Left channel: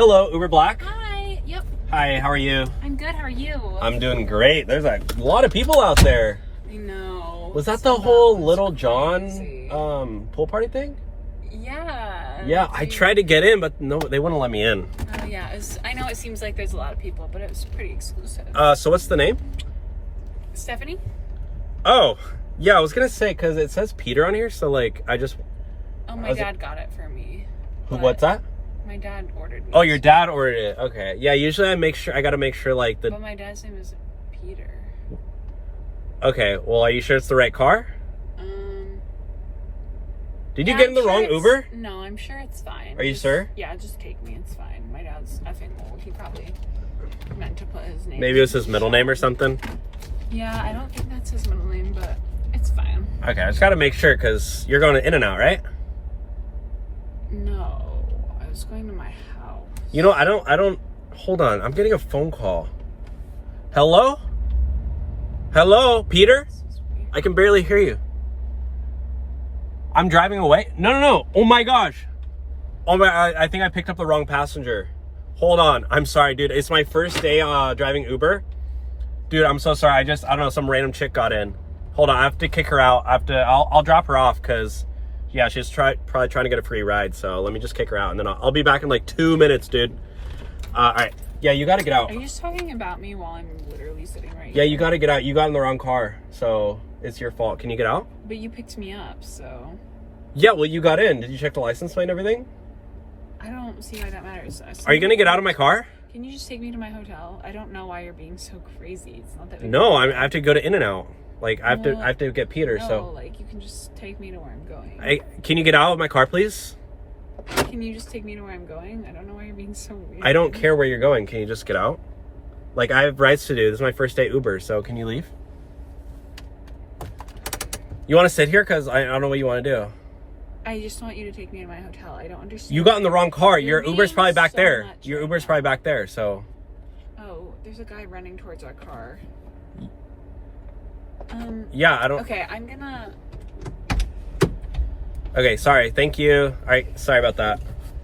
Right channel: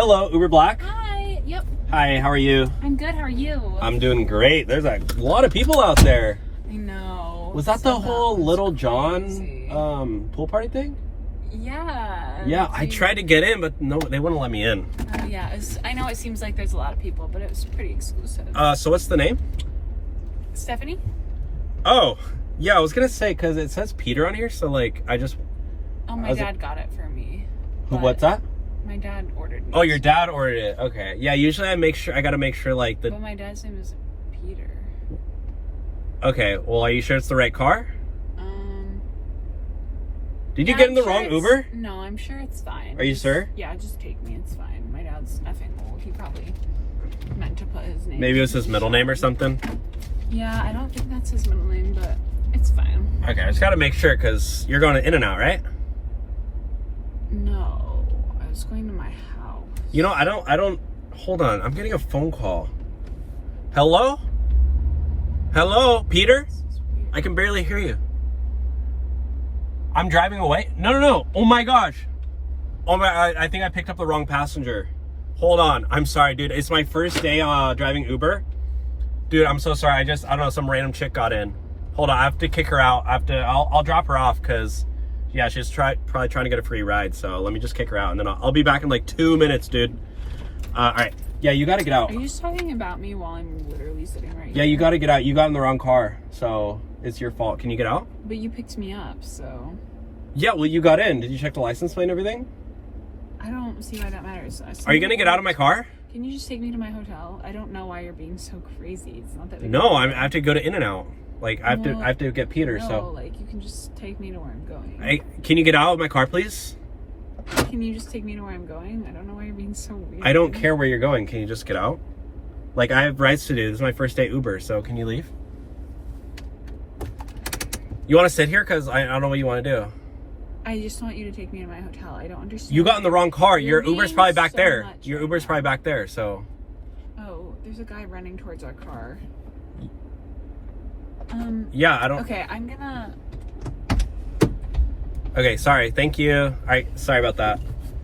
Hello, Uber Black. Hi. Yep. Hi, how are you? I'm good. How are you? I'm doing great. There's a lot of people out there. I know. Was that So the whole was Little crazy. John pool party thing? Yeah. Yeah, I tried to get in, but no, they wouldn't let me in. Oh yeah. I know it seems like there's a lot of people, but it was pretty exclusive. So what's the name? Stephanie? Oh, yeah, I was gonna say, because it says Peter on here, so like, Oh, my dad got it for me. What's that? My dad ordered me. Oh, your dad ordered it. Okay. Yeah, usually I gotta make sure like But my dad's name is Peter. Okay, well, are you sure it's the right car? Did you get in the wrong Uber? No, I'm sure it's fine. Are you sure? Yeah, just take me. It's fine. My dad's effing old. He probably meant to put his name. Maybe it was his middle name or something? Yeah, I don't think that's his middle name, but it's fine. Okay, I just gotta make sure, because you're going to In-N-Out, right? No, I was going to my house. You know, I don't, hold on, I'm getting a phone call. Hello? Hello, Peter? I can barely hear you. I'm driving away? No. Oh my gosh. Oh my, I think I picked up the wrong passenger. Hold on, I'm sorry, dude. It's my first day driving Uber. Dude, I'm so sorry. I don't know, some random chick got in. Hold on, I have to kick her out. I'll drop her off, because yeah, she's probably trying to get a free ride. So let me just kick her out, and then I'll be back in like 2 minutes, dude. All right. Yeah, you gotta get out. Are you just talking about me while I'm literally sitting right here? Yeah, you gotta get out. You got in the wrong car, so it's your fault. Can you get out? But you picked me up, so... Yeah, well, you got in. Did you check the license plate and everything? I don't see why that matters. Are you gonna get out of my car? Can you just take me to my hotel? I don't know why you're being so crazy. It's not that big. No, I have to go to In-N-Out. Like, I have to get Peter, no, so... like, you can just take me to where I'm going. Can you get out of my car, please? Can you just take me to where I'm going? I don't know why you're being so weird. I don't care where you're going. Can you just get out? Like, I have rides to do. This is my first day Uber, so can you leave? You want to sit here? Because I don't know what you want to do. I just want you to take me to my hotel. I don't understand. You got in the wrong car. Your You're Uber's probably being back so there. much Your right Uber's now. probably back there, so... Oh, there's a guy running towards our car. Yeah, I don't... Okay, I'm gonna... Okay, sorry. Thank you. All right, sorry about that.